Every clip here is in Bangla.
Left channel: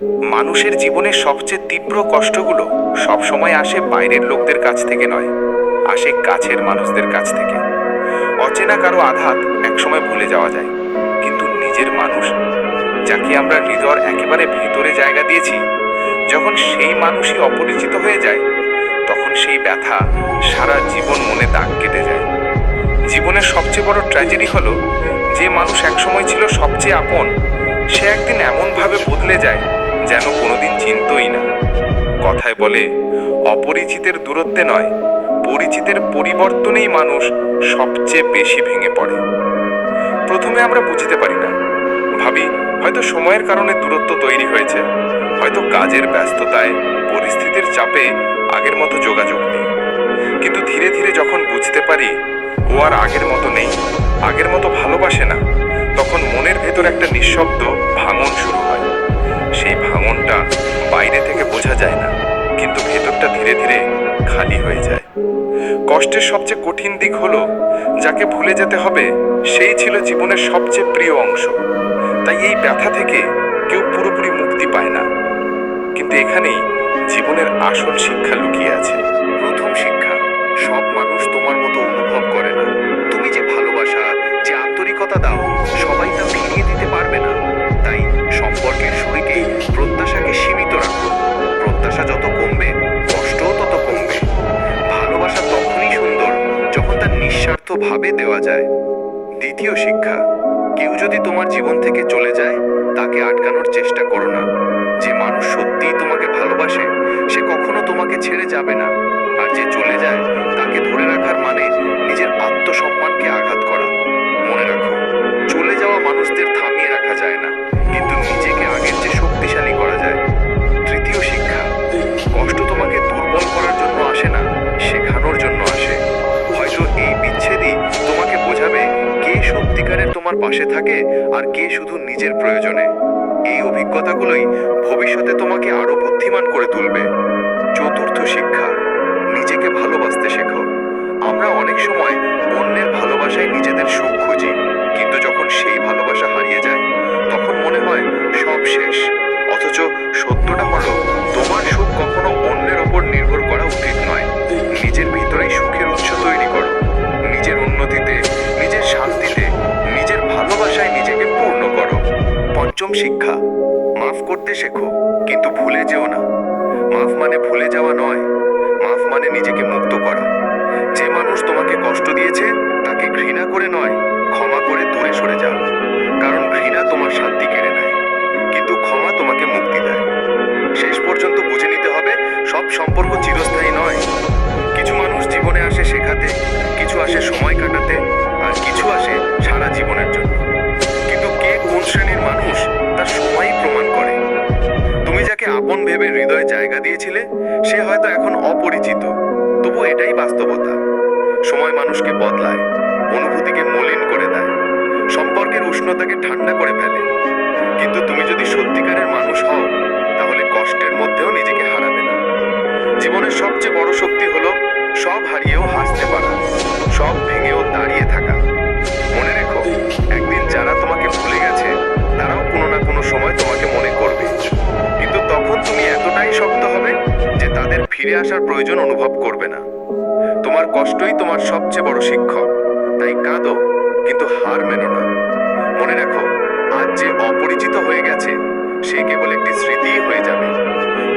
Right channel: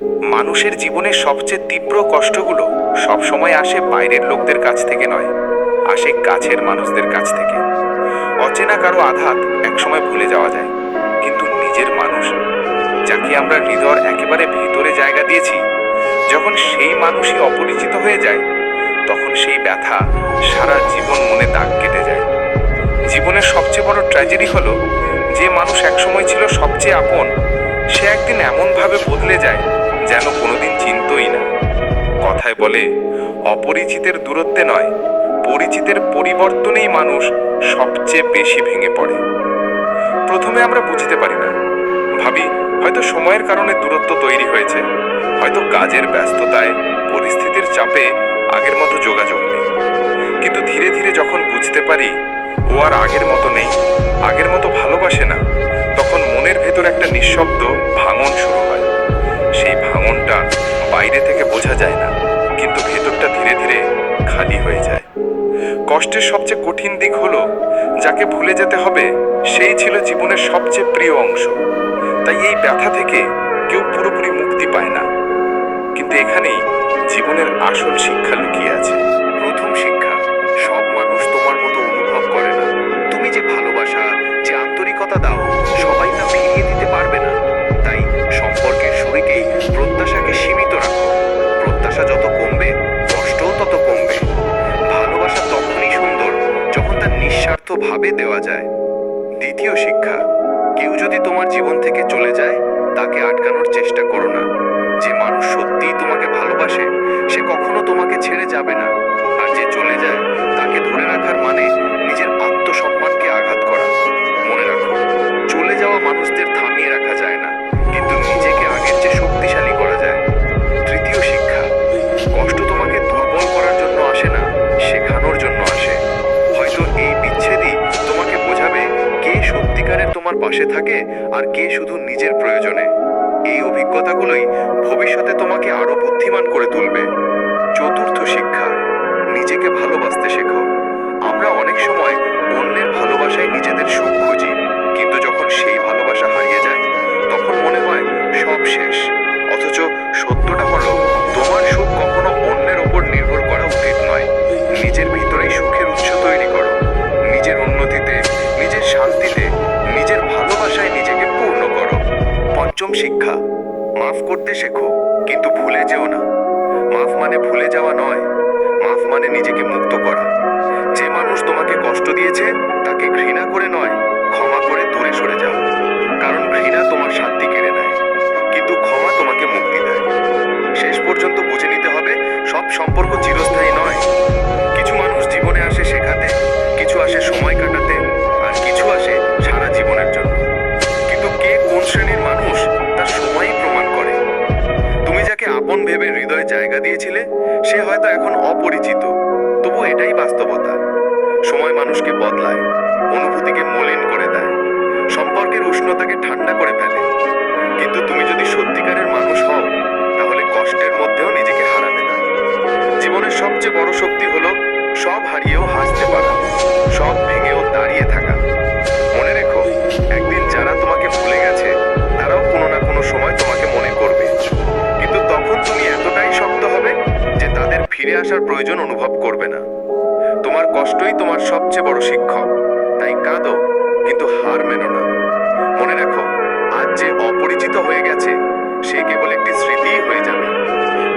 মানুষের জীবনের সবচেয়ে তীব্র কষ্টগুলো সবসময় আসে বাইরের লোকদের কাছ থেকে নয়, আসে কাছের মানুষদের কাছ থেকে। অচেনা কারও আঘাত একসময় ভুলে যাওয়া যায়, কিন্তু নিজের মানুষ, যাকে আমরা হৃদয়ের একেবারে ভিতরে জায়গা দিয়েছি, যখন সেই মানুষই অপরিচিত হয়ে যায়, তখন সেই ব্যথা সারা জীবন মনে দাগ কেটে যায়। জীবনের সবচেয়ে বড় ট্র্যাজেডি হলো, যে মানুষ একসময় ছিল সবচেয়ে আপন, সে একদিন এমনভাবে বদলে যায় যেন কোনোদিন চিনতই না। কথায় বলে, অপরিচিতের দূরত্বে নয়, পরিচিতের পরিবর্তনেই মানুষ সবচেয়ে বেশি ভেঙে পড়ে। প্রথমে আমরা বুঝতে পারি না। ভাবি, হয়তো সময়ের কারণে দূরত্ব তৈরি হয়েছে, হয়তো কাজের ব্যস্ততায়, পরিস্থিতির চাপে আগের মতো যোগাযোগ নেই। কিন্তু ধীরে ধীরে যখন বুঝতে পারি, ও আর আগের মতো নেই, আগের মতো ভালোবাসে না, তখন মনের ভেতর একটা নিঃশব্দ ভাঙন যায় না। কিন্তু ভেতরটা ধীরে ধীরে খালি হয়ে যায়। কষ্টের সবচেয়ে কঠিন দিক হলো, যাকে ভুলে যেতে হবে, সেই ছিল জীবনের সবচেয়ে প্রিয় অংশ। তাই এই ব্যথা থেকে কেউ পুরোপুরি মুক্তি পায় না। কিন্তু এখানেই জীবনের আসল শিক্ষা লুকিয়ে আছে। প্রথম শিক্ষা, সব মানুষ তোমার মতো অনুভব করে না। তুমি যে ভালোবাসা, যে আন্তরিকতা দাও, সবাই তা ফিরিয়ে দিতে প্রত্যাশা যত কমবে, কষ্টও তত কমবে। ভালোবাসা তখনই সুন্দর যখন তা নিঃস্বার্থভাবে দেওয়া যায়। দ্বিতীয় শিক্ষা, কেউ যদি তোমার জীবন থেকে চলে যায়, তাকে আটকানোর চেষ্টা করো না। যে মানুষ সত্যিই তোমাকে ভালোবাসে, সে কখনো তোমাকে ছেড়ে যাবে না। আর যে চলে যায়, তাকে ধরে রাখার মানে নিজের আত্মসম্মানকে আঘাত করা। মনে রাখো, চলে যাওয়া মানুষদের থামিয়ে রাখা যায় না, কিন্তু নিজেকে আগের চেয়ে শক্তিশালী করা যায়। সত্যিকারের তোমার পাশে থাকে আর কে শুধু নিজের প্রয়োজনে। এই অভিজ্ঞতাগুলোই ভবিষ্যতে তোমাকে আরও বুদ্ধিমান করে তুলবে। চতুর্থ শিক্ষা, নিজেকে ভালোবাসতে শেখো। আমরা অনেক সময় অন্যের ভালোবাসায় নিজেদের সুখ খুঁজি, কিন্তু যখন সেই ভালোবাসা হারিয়ে যায়, তখন মনে হয় সব শেষ। অথচ সত্যটা হলো, তোমার সুখ কখনো অন্যের ওপর নির্ভর করা উচিত নয়। নিজের ভিতরেই সুখের উৎস তৈরি করো। নিজের উন্নতিতে, নিজের শান্তিতে নিজের ভালোবাসায় নিজেকে পূর্ণ করো। পঞ্চম শিক্ষা, মাফ করতে শেখো, কিন্তু ভুলে যেও না। মাফ মানে ভুলে যাওয়া নয়, মাফ মানে নিজেকে মুক্ত করা। যে মানুষ তোমাকে কষ্ট দিয়েছে, তাকে ঘৃণা করে নয়, ক্ষমা করে দূরে সরে যাও। কারণ ঘৃণা তোমার শান্তি কেড়ে নেয়, কিন্তু ক্ষমা তোমাকে মুক্তি দেয়। শেষ পর্যন্ত বুঝে নিতে হবে, সব সম্পর্ক চিরস্থায়ী নয়। কিছু মানুষ জীবনে আসে শেখাতে, কিছু আসে সময় কাটাতে আর কিছু আসে সারা জীবনের জন্য। কিন্তু কে কোন শ্রেণির মানুষ তার সময়ই প্রমাণ করে? তুমি যাকে আপন ভেবে হৃদয়ে জায়গা দিয়েছিলে, সে হয়তো এখন অপরিচিত। তবু এটাই বাস্তবতা। সময় মানুষকে বদলায়, অনুভূতিকে মলিন করে দেয়, সম্পর্কের উষ্ণতাকে ঠান্ডা করে ফেলে। কিন্তু তুমি যদি সত্যিকারের মানুষ হও, তাহলে কষ্টের মধ্যেও নিজেকে হারাবে না। জীবনের সবচেয়ে বড় শক্তি হলো সব হারিয়েও হাসতে পারা, সব তখন তুমি এতটাই শক্ত হবে যে তাদের ফিরে আসার প্রয়োজন অনুভব করবে না। তোমার কষ্টই তোমার সবচেয়ে বড় শিক্ষক। তাই কাঁদো, কিন্তু হার মেনো না। মনে রাখো, আজ যে অপরিচিত হয়ে গেছে, সে কেবল একটি স্মৃতিই হয়ে যাবে।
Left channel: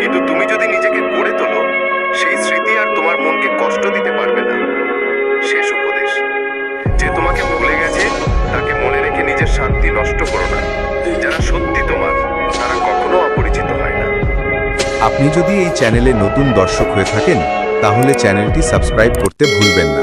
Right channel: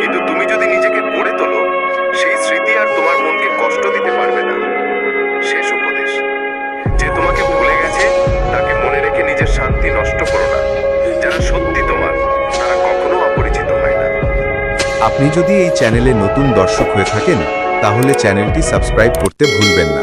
কিন্তু তুমি যদি নিজেকে গড়ে তোলো, সেই স্মৃতি আর তোমার মনকে কষ্ট দিতে পারবে না। শেষ উপদেশ। যে তোমাকে ভুলে গেছে, তাকে মনে রেখে নিজের শান্তি নষ্ট করো না। আপনি যদি এই চ্যানেলে নতুন দর্শক হয়ে থাকেন তাহলে চ্যানেলটি সাবস্ক্রাইব করতে ভুলবেন না।